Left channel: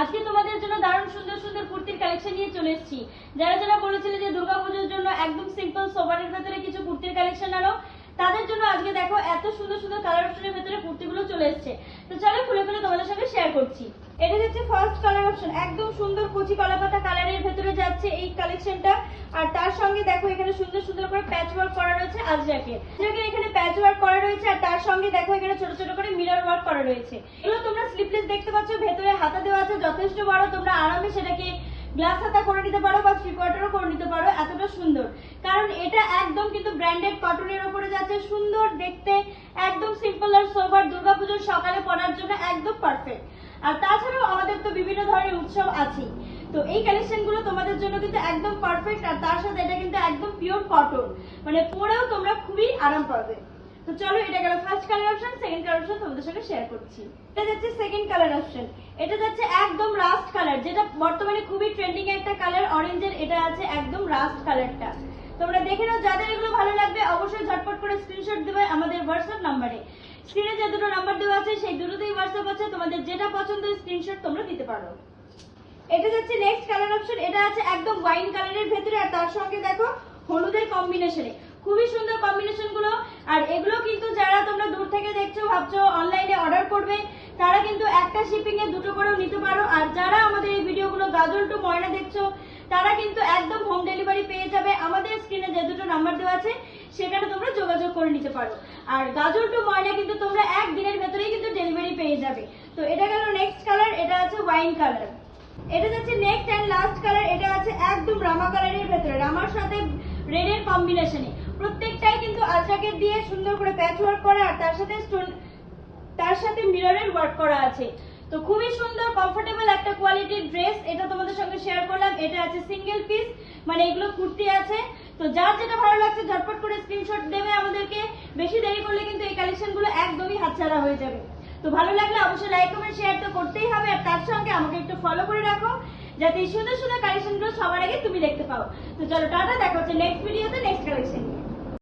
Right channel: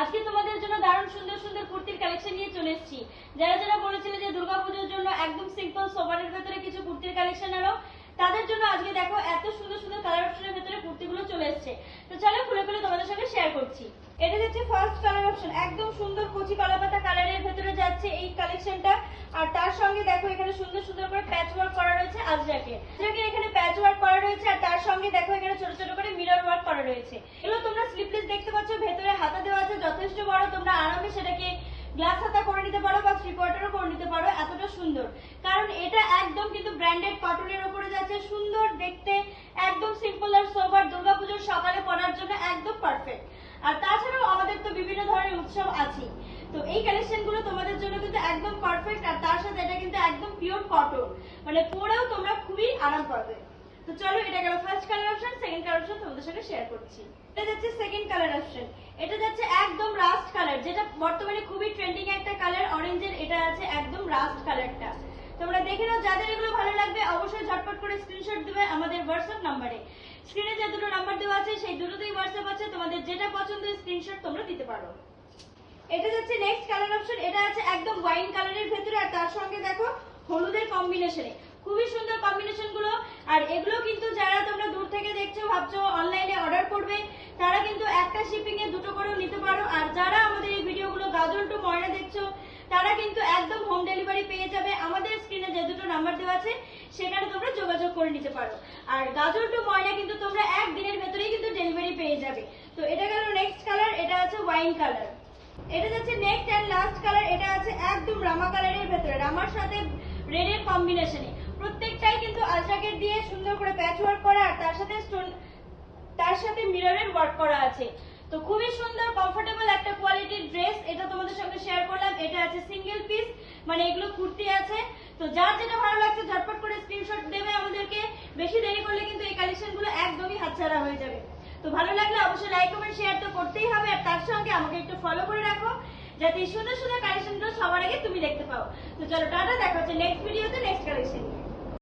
আজকে তোমাদের জন্য দারুণ সুন্দর সুন্দর কুর্তির কালেকশন নিয়ে চলে এসেছি। যারা যারা বলেছিলে যে দুর্গাপুজোর জন্য একদম সিম্পল সোবারের ভেতরে কিছু কুর্তির কালেকশন আনো, তাদের জন্য আজকে দেখো এত সুন্দর সুন্দর কালার অপশনের ভেতরে কুর্তিগুলো চলে এসেছে। তো চলো খুলে খুলে তোমাদের সঙ্গে শেয়ার করছি। এটা হচ্ছে ফার্স্ট কালার অপশন, একদম সুন্দর কুচি কলাপাতা কালারের ভেতরে যাচ্ছে এই কালেকশনটা। আর তার সঙ্গে দেখো এখানে সুন্দর সুন্দর করে প্যাচ ওয়ার্ক করা রয়েছে আজরাকে, এখানে প্যাচ ওয়ার্ক করা রয়েছে। আর তার সঙ্গে দেখো এখানে ছোট ছোট করে মিরর ওয়ার্ক করা রয়েছে। এগুলো তোমরা স্লিপলেস দেখতে পাচ্ছ, ভেতরে হাতা দেওয়া আছে যথেষ্ট বড়, তোমরা আরামে সেটাকে গ্লাস হাতা করে নিতে পারো বা থ্রি কোয়ার্টারও করে নিতে পারো। এতটা সুন্দর, কারণ এটা একদম কিন্তু ব্র্যান্ডেড কটনের উপরে যাচ্ছে, সুন্দর দেখতে, একদম সিম্পল আর সোবার, দুর্গাপুজোর সকালে পরার জন্য একদম পারফেক্ট। আর তাছাড়াও আমাদের তো বিভিন্ন ধরনের উৎসব আছে, তো এই কালেকশন গুলো তোমাদের জন্য কিন্তু একদম পারফেক্ট। আর তার সাথে এটা কিন্তু একদম পিওর কটন, মানে পরেও তোমরা খুবই আরাম পাবে। তো চলো, এটা গেল first colour option. Second colour option তোমাদের সঙ্গে শেয়ার করছি। এটা যাচ্ছে সেকেন্ড কালার অপশন, এটা যাচ্ছে একদম রাস্ট কালার, যেটা বর্তমানে খুবই ট্রেন্ডিং একটা কালার অরেঞ্জের। এটা আছে একদম রাস্ট কালারটা, তোমরা দেখে নাও। যাদের এগুলো ভালো লাগবে অবশ্যই ঝটপট করে স্ক্রিনশট দেবে আমাদের হোয়াটসঅ্যাপ নাম্বারে। স্ক্রিনে যে দুটো নাম্বার দেওয়া আছে সেই দুটোতেই হোয়াটসঅ্যাপ আছে, তোমাদের যেটা পছন্দ স্ক্রিনশট তোমরা দিতে পারো। এটা যাচ্ছে নেক্সট কালার অপশন, এটা আছে একদম ওয়াইন কালারের ভেতরে। আর তার সঙ্গে দেখো হলুদের কম্বিনেশনে, খুবই সুন্দর কম্বিনেশন গুলো। আর এগুলো কিন্তু যারা তোমরা দূর থেকে দেখছো, ভাবছো অনলাইনে অর্ডার করবে, তারা কিন্তু একটা শিপিং এ দুটো করেও নিতে পারো। আর যারা আমাদের এই ভিডিওগুলো গাজল টু ময়না দেখছো, তারা কিন্তু একদম হোম ডেলিভারি পেয়ে যাবে। আমাদের স্ক্রিনে যে দুটো নাম্বার দেওয়া আছে সেখানে তোমরা যোগাযোগ করে নিতে পারো। আর গাজল টু ময়না কিন্তু তোমরা একদিনের ভেতরেই কিন্তু ডেলিভারি পেয়ে যাবে। তো এটা গেল নেক্সট কালার, এটা আছে ওয়াইন কালার। এটা যাচ্ছে নেক্সট এন্ড লাস্ট কালার, এটা আছে একদম রামা কালারের ভেতরে, রামার সাথে রেড এর কম্বিনেশনে। প্রত্যেকটাই কিন্তু আজরাকের দিয়ে সুন্দর করে প্যাচ ওয়ার্ক করা, আর তার সাথে মিররের ওয়ার্ক করা আছে। তো খুবই সুন্দর কমফোর্টেবল একটা কোয়ালিটির ড্রেস, এটা তোমাদের সঙ্গে শেয়ার করলাম। এটা আছে সিঙ্গেল পিস, মানে এগুলো কুর্তি আছে। তো যার যেটা ভালো লাগছে ঝটপট করে স্ক্রিনশট দেবে আমাদেরকে, বেশি দেরি করলে কিন্তু এই কালেকশন গুলো একদমই হাতছাড়া হয়ে যাবে। তো ভালো লাগলে অবশ্যই লাইক কমেন্ট শেয়ার তো করতেই হবে। আর তার সঙ্গে আমাকে একটু ফলো করে রাখো, যাতে এই সুন্দর সুন্দর কালেকশন গুলো সবার আগে তুমি দেখতে পাও। তো চলো টাটা, দেখা হচ্ছে নেক্সট ভিডিওতে নেক্সট কালেকশন।